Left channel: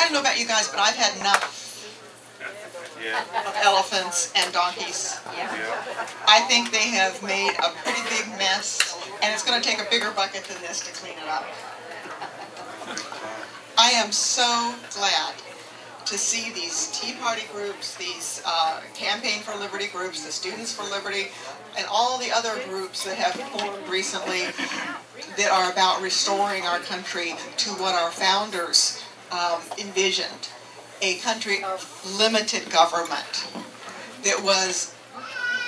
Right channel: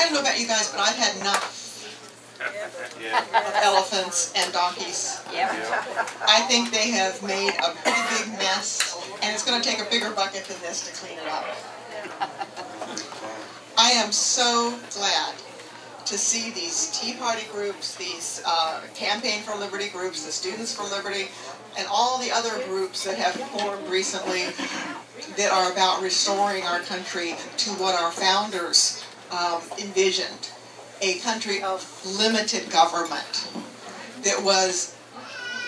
I don't know about you guys, but I've had enough of elephants and donkeys. I think they have made a pretty big mess, and it's going to take a bigger bucket than this to clean it up. I am so glad to see these Tea Party groups, these Campaign for Liberty groups, the Students for Liberty, and all the other groups that have formed recently that are about restoring our country to what our founders envisioned, a country of limited government that was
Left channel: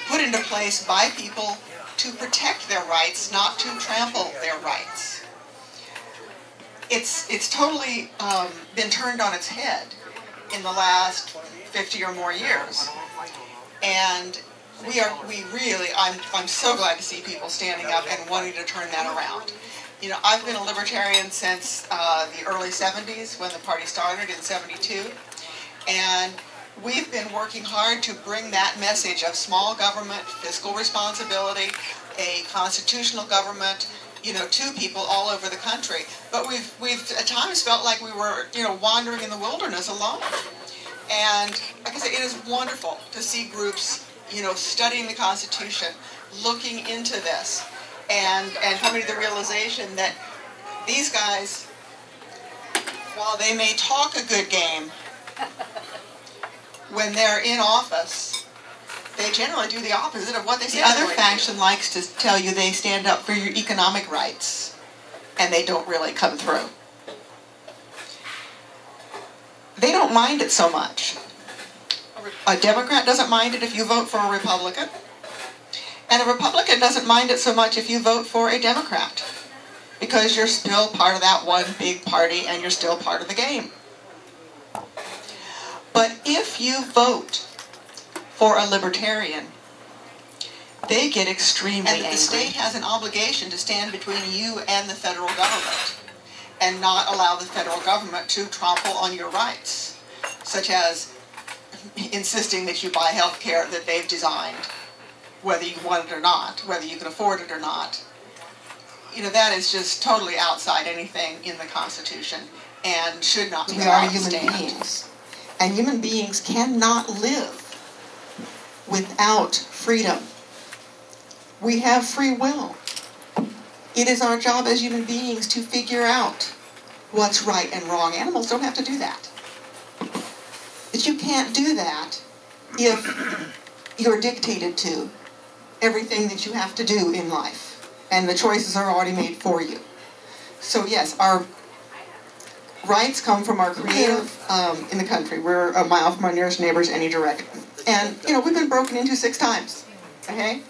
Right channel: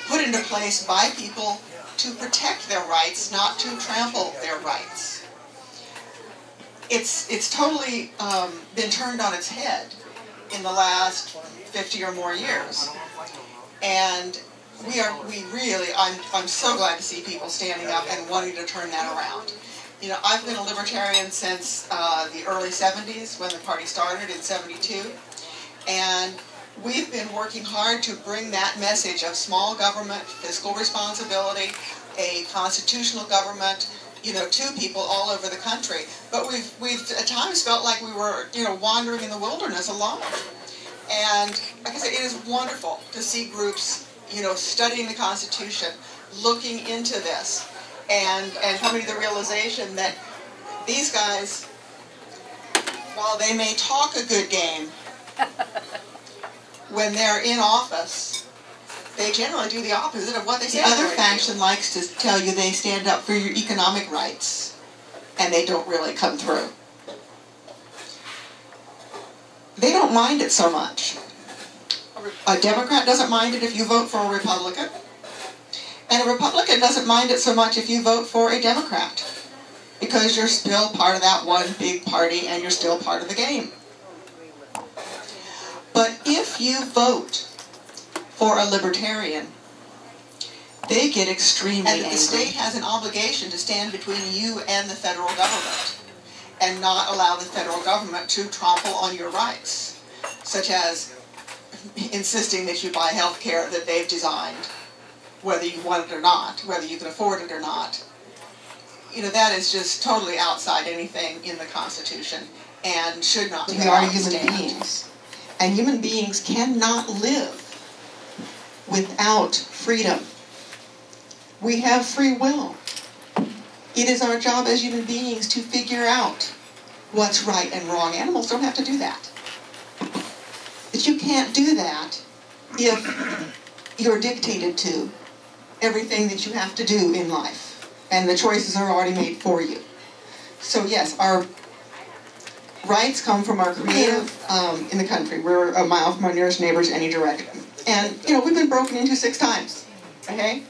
put into place by people to protect their rights, not to trample their rights. It's totally been turned on its head in the last 50 or more years, and I'm so glad to see people standing up and wanting to turn that around. You know, I've been a libertarian since the early 70s when the party started in '72, and we've been working hard to bring that message of small government, fiscal responsibility, a constitutional government, you know, to people all over the country. But we've at times felt like we were, you know, wandering in the wilderness alone. And like I say, it is wonderful to see groups, you know, studying the Constitution, looking into this, and coming to the realization that these guys, while they may talk a good game, when they're in office, they generally do the opposite of what they say. The other faction likes to tell you they stand up for your economic rights, and they don't really come through. They don't mind it so much. A Democrat doesn't mind it if you vote for a Republican, and a Republican doesn't mind it so much if you vote for a Democrat, because you're still part of that one big party and you're still part of the game. But if you vote for a libertarian, they get extremely angry. And the state has an obligation to stand between you and the federal government and not allow the federal government to trample on your rights, such as insisting that you buy health care that they've designed, whether you want it or not, whether you can afford it or not. You know, that is just totally outside anything in the Constitution and should not be allowed to stand. We are human beings, and human beings cannot live without freedom. We have free will. It is our job as human beings to figure out what's right and wrong. Animals don't have to do that. But you can't do that if you're dictated to everything that you have to do in life, and the choices are already made for you. So yes, our rights come from our creator in the country. We're a mile from our nearest neighbors any direction. And, you know, we've been broken into 6 times, okay?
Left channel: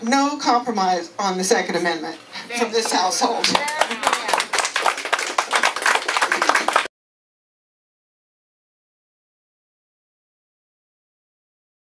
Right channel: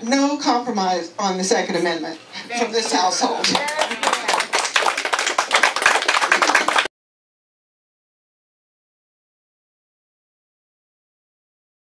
No compromise on the Second Amendment from this household.